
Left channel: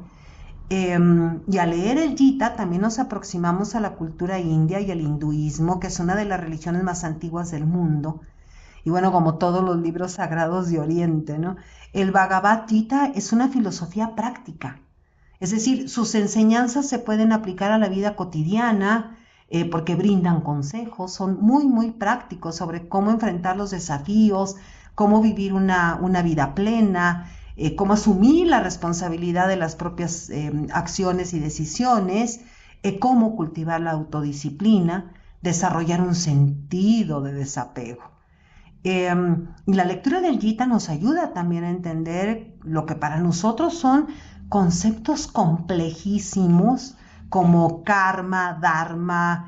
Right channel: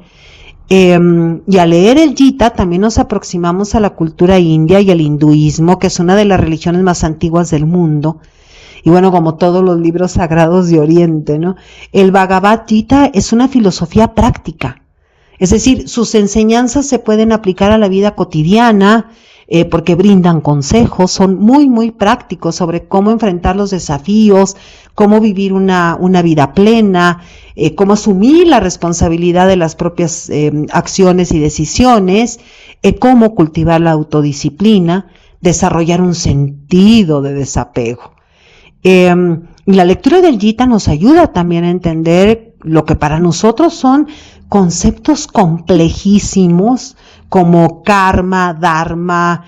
y al leer el Gita también nos aproximamos a la cultura india y al hinduismo, que es una de las religiones más antiguas del mundo, y bueno, como todos los libros sagrados de Oriente, ¿no? El Bhagavad Gita es una filosofía práctica, es decir, sus enseñanzas se pueden aplicar a la vida cotidiana, porque brindan consejos, son muy, muy prácticos sobre cómo enfrentar los desafíos, cómo vivir una vida plena, cómo asumir la responsabilidad de las propias acciones y decisiones, cómo cultivar la autodisciplina, desarrollar un sentido de desapego. La lectura del Gita nos ayuda también a entender lo que para nosotros son conceptos complejísimos, como karma, dharma,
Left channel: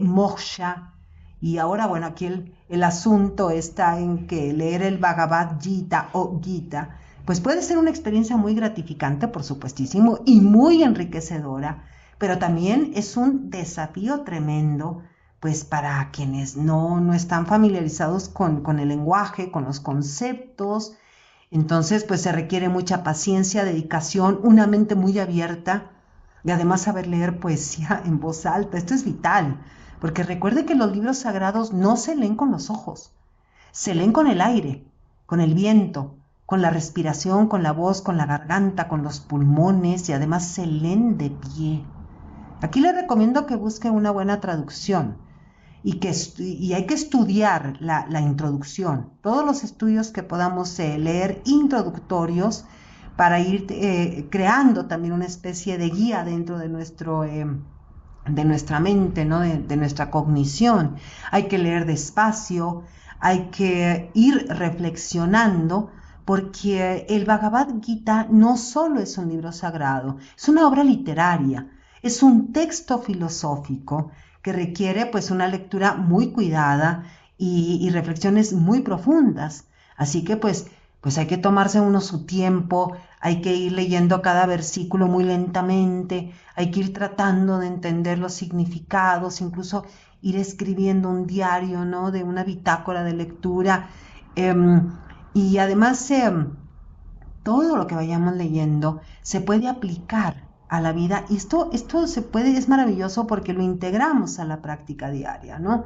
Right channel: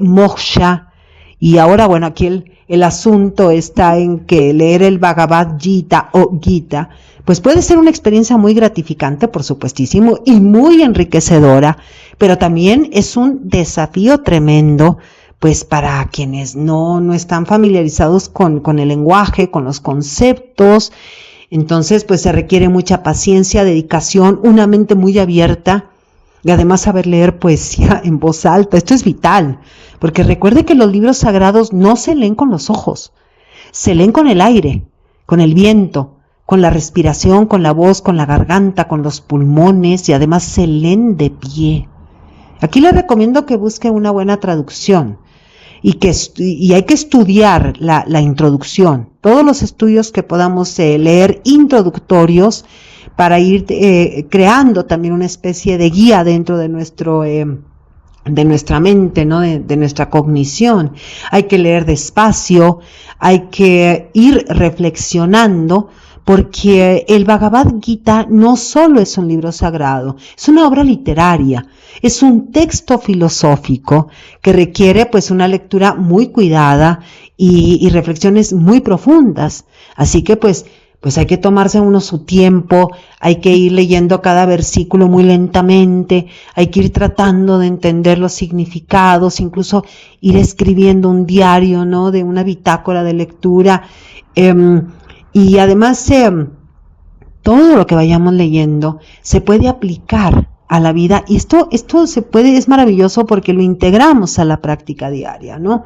moksha. Y ahora, bueno, aquí el asunto está en que leer el Bhagavad Gita o Gita, pues puede ser una experiencia muy gratificante, por supuestísimo, y muy enriquecedora, pero también es un desafío tremendo, pues para quienes no están familiarizados con el lenguaje, con los conceptos. Entonces, pues se requiere mucha paciencia, dedicación, una mente muy abierta, y además saber leer poesía en voz alta. Esto es vital, porque recuerde que los libros sagrados no se leen con los ojos, se leen con el aire, con el viento, con la respiración, con la voz, con la garganta, con los pulmones, y además se leen de pie. Aquí le recomiendo que busque una buena traducción y hay que estudiar la introducción, todos los estudios que podamos leer introductorios, para ir creando también una especie de guía dentro de nuestra mente, ¿no? de nuestra cognición. Hay que leer despacio, hay que ir reflexionando, porque el Bhagavad Gita no solo es un libro sagrado, es una obra literaria, es un texto filosófico que requiere pues una lectura muy cuidada y reflexiones muy profundas. Así que pues hay que tomarse uno su tiempo, hay que ir leyendo cada versículo muy lentamente, hay que ir tratando de entender los significados, incluso ir escribiendo un diario, ¿no? De una bitácora de lectura. Y además todo lo que vayamos leyendo se puede aplicar a la vida, y esto es maravilloso porque lo integramos a la práctica diaria, ¿no?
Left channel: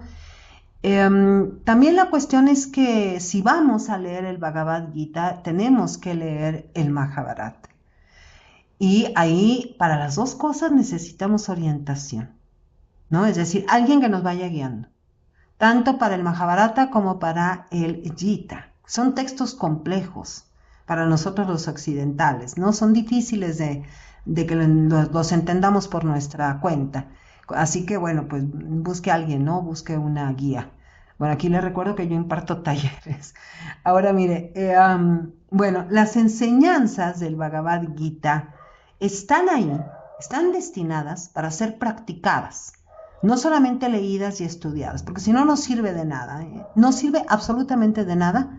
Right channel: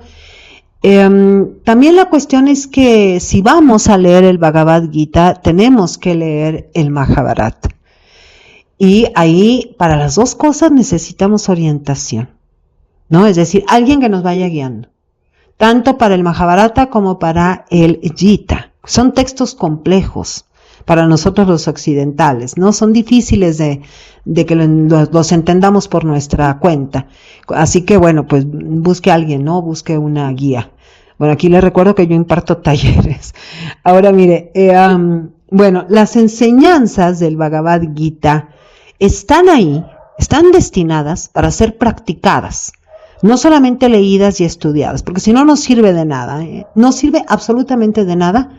También la cuestión es que si vamos a leer el Bhagavad Gita, tenemos que leer el Mahabharata. Y ahí, para las dos cosas, necesitamos orientación, ¿no? Es decir, alguien que nos vaya guiando, tanto para el Mahabharata como para el Gita. Son textos complejos para nosotros los occidentales, ¿no? Son difíciles de que los entendamos por nuestra cuenta. Así que, bueno, pues busque a alguien, ¿no? Busque una guía. Bueno, aquí les recuerdo que yo imparto talleres. Ahora, mire, bueno, las enseñanzas del Bhagavad Gita están ahí, están destinadas para ser practicadas, no solamente leídas y estudiadas, porque si no, no sirve de nada, ¿eh? No sirve absolutamente de nada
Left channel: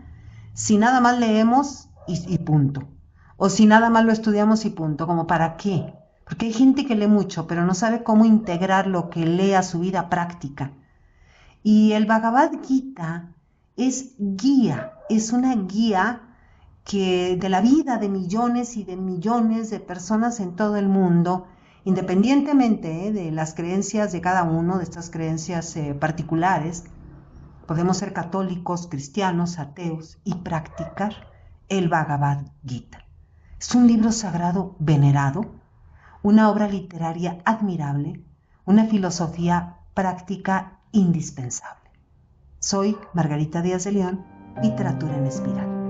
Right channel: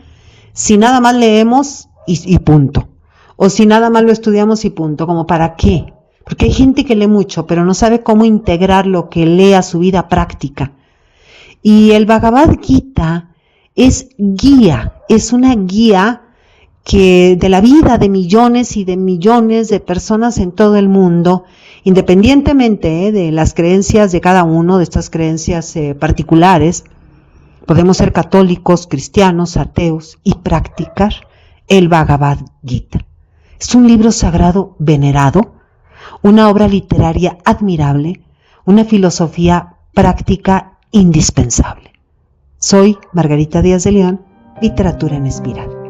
si nada más leemos y punto. O si nada más lo estudiamos y punto. ¿Como para qué? Porque hay gente que lee mucho, pero no sabe cómo integrar lo que lee a su vida práctica. Y el Bhagavad Gita es guía, es una guía que de la vida de millones y de millones de personas en todo el mundo, independientemente de las creencias de cada uno, de estas creencias particulares. Podemos ser católicos, cristianos, ateos y practicar el Bhagavad Gita. Es un libro sagrado venerado, una obra literaria admirable, una filosofía práctica indispensable. Soy Margarita Díaz de León, Literatura en Espiral.